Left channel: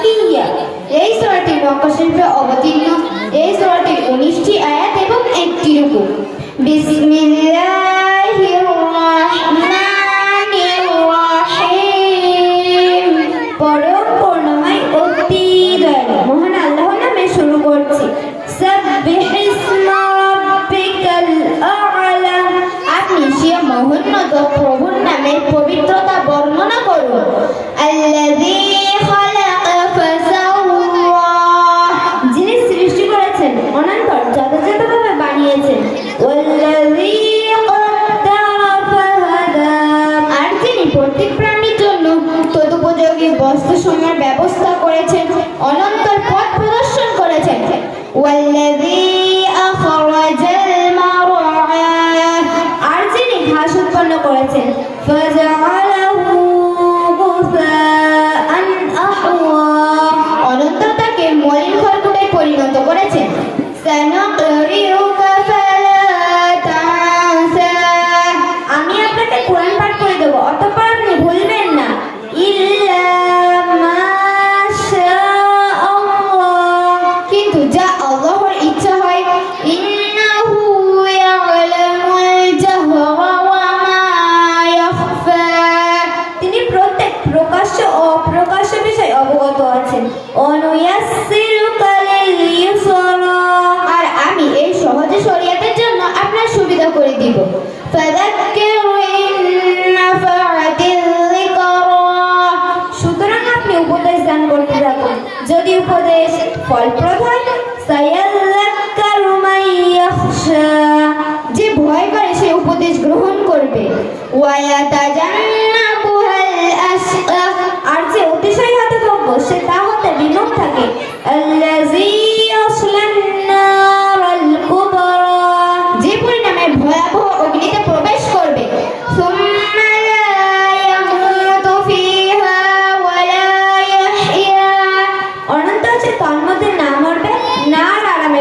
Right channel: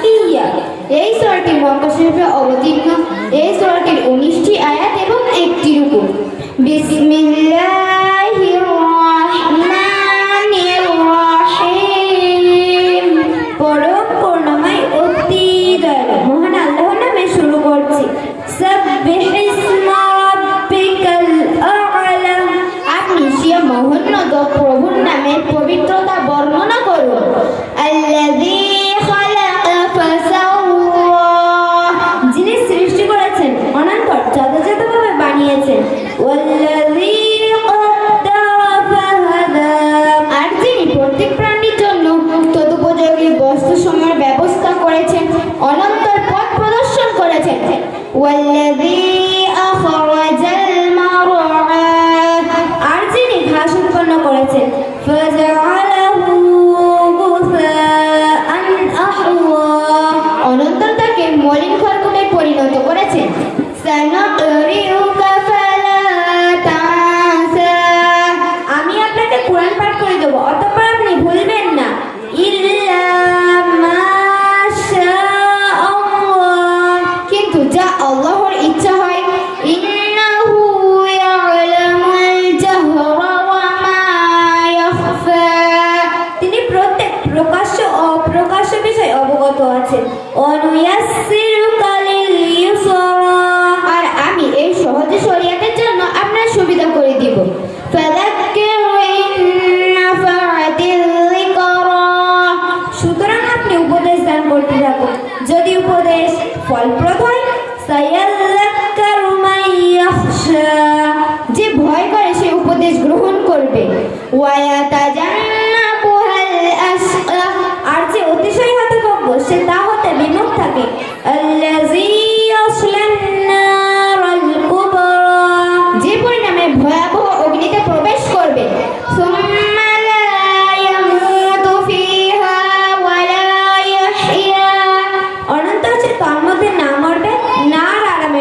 তাকিয়া এই ছয়টি মঙ্গশিল্পে অবতীর্ণ কষ্টের সময় আর আমি এই সহজ শরিয়াতের জন্য আপনার সুবিধা করে দিব। সুতরাং আপনি উপদেশ দান করতে থাকুন। যদি উপদেশ ফলপ্রদ হয় যে ভয় করে সে উপদেশ গ্রহণ করবে। ওয়ায়া তাজান